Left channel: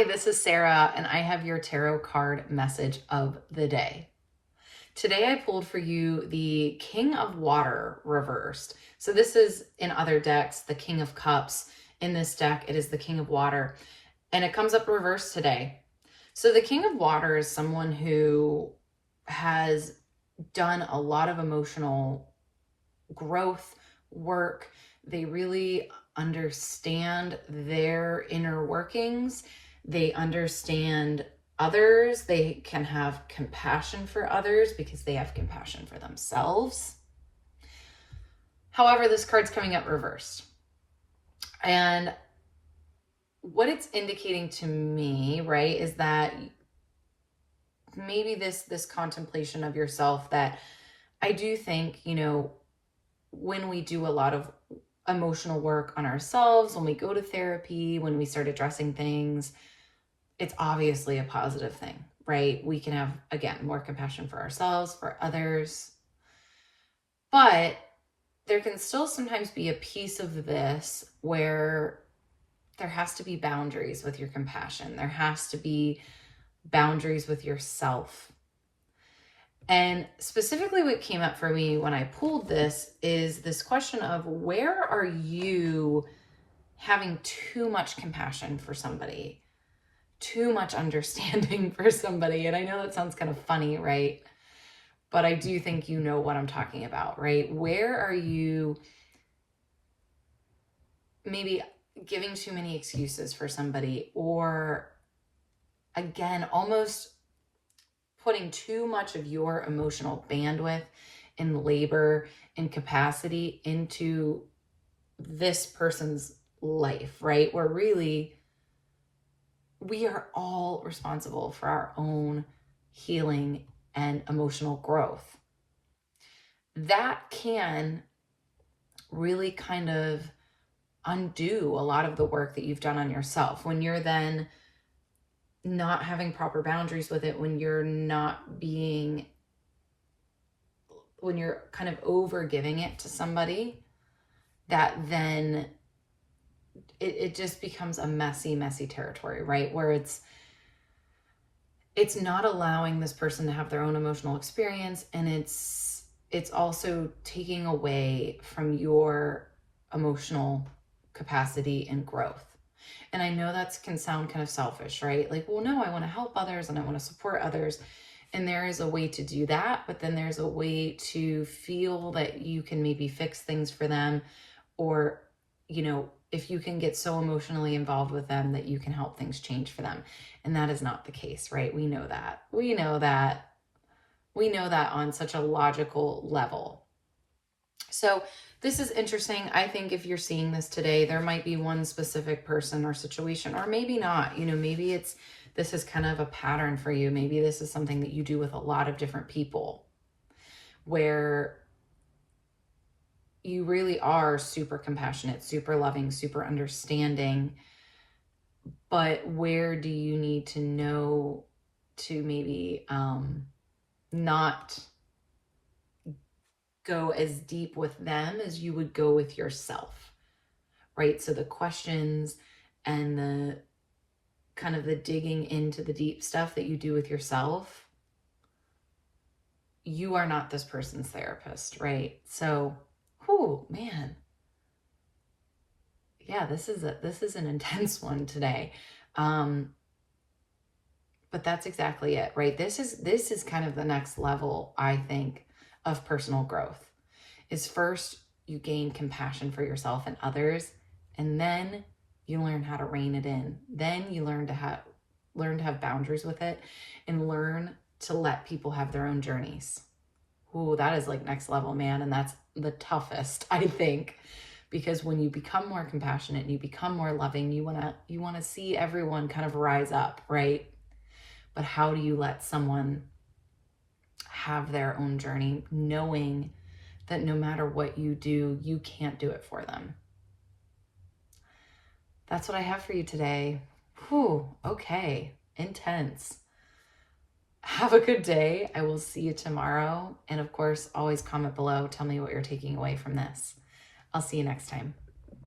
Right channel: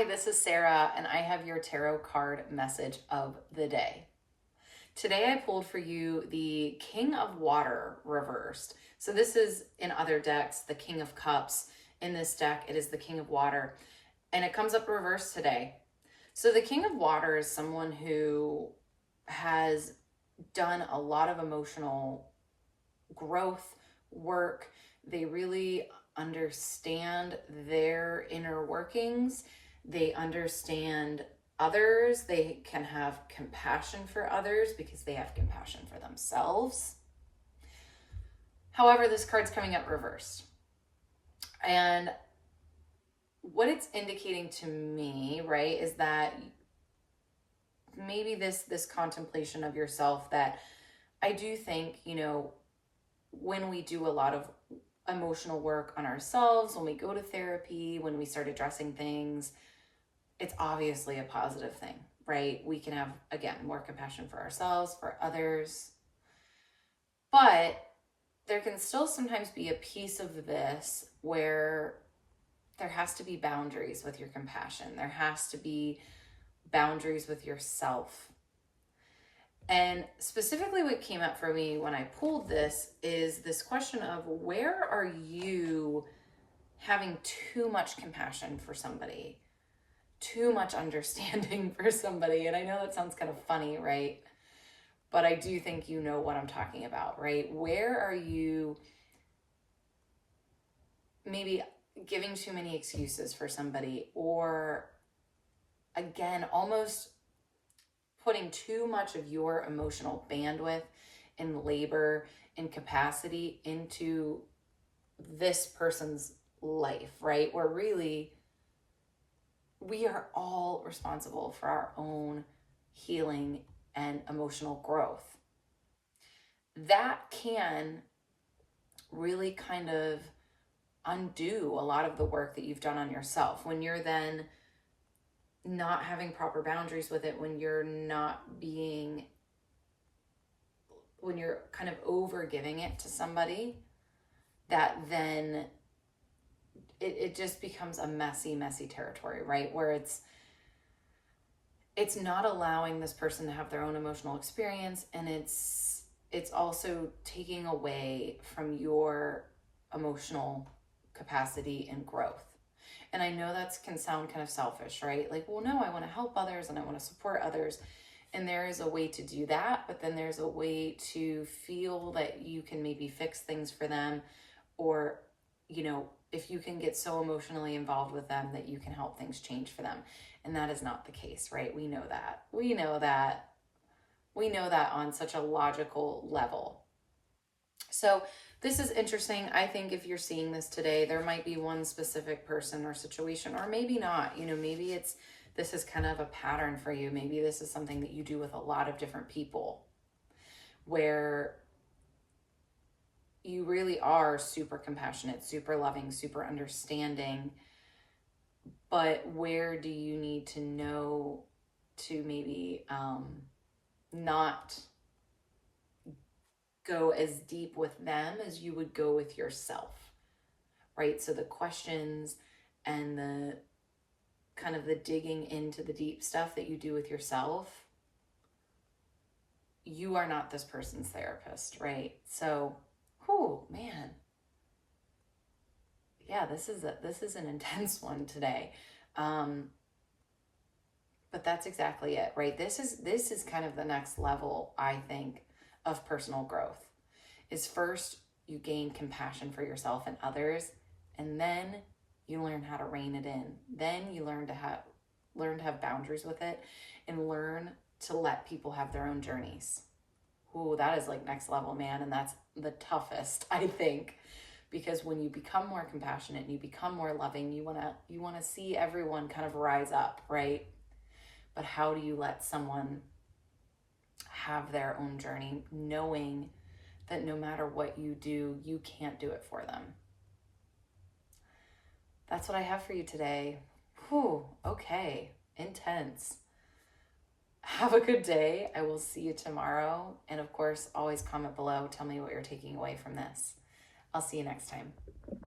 Hi, this is Sarah, and I have your tarot card message of the day. Today I pulled for you the King of Water reversed. So this is in other decks, the King of Cups. In this deck, it is the King of Water, and it comes up reversed today. So the King of Water is someone who has done a lot of emotional growth work. They really understand their inner workings. They understand others. They can have compassion for others because they have compassion for themselves. However, this card's coming up reversed. And what it's indicating to me, right, is that maybe this contemplation of yourself, that I do think, when we do a lot of emotional work on ourselves, when we go to therapy, when we start addressing things, it's obviously a positive thing, right? We can have, again, more compassion for ourselves, for others. But there can still sometimes be a piece of this where there has to be boundaries with your compassion. There has to be boundaries with yourself. And specifically what came up for me when I pulled this is this question of, where are you having too much compassion for somebody, too much understanding for somebody? And I know that sounds kind of funny, right? But I do think you know what I'm talking about, right? Where are you maybe giving too many excuses for somebody, or again, almost putting too much of your emotional bandwidth and labor and capacity into this person's life, right? Where really we are all responsible for our own healing and emotional growth. That can really kind of undo a lot of the work that you've done on yourself when you're then not having proper boundaries with it, when you're kind of over giving it to somebody, that then it just becomes a messy territory, right? Where it's not allowing this person to have their own emotional experience, and it's also taking away from your emotional capacity and growth. And I know that can sound kind of selfish, right? Like, well, no, I want to help others and I want to support others. And there is a way to do that, but then there's a way to feel that you can maybe fix things for them, or, if you can get so emotionally involved with them that you can help things change for them. And that is not the case, right? We know that. We know that on such a logical level. So this is interesting. I think if you're seeing this today, there might be one specific person or situation, or maybe not. Maybe this is kind of a pattern for you. Maybe this is something that you do with a lot of different people, where you really are super compassionate, super loving, super understanding. But where do you need to know to maybe not go as deep with them as you would go with yourself, right? So the questions and the kind of the digging into the deep stuff that you do with yourself, you are not this person's therapist, right? So, man. Yeah, this is an intense one today. But that's exactly it, right? This is kind of the next level, I think, of personal growth. Is first you gain compassion for yourself and others, and then you learn how to rein it in. Then you learn to have boundaries with it, and learn to let people have their own journeys. Ooh, that is like next level, man. And that's the toughest, I think, because when you become more compassionate and you become more loving, you want to see everyone kind of rise up, right? But how do you let someone have their own journey, knowing that no matter what you do, you can't do it for them? That's what I have for you today. Whew, okay, intense. Have a good day. I will see you tomorrow. And of course, always comment below. Tell me what you're taking away from this. I'll see you next time.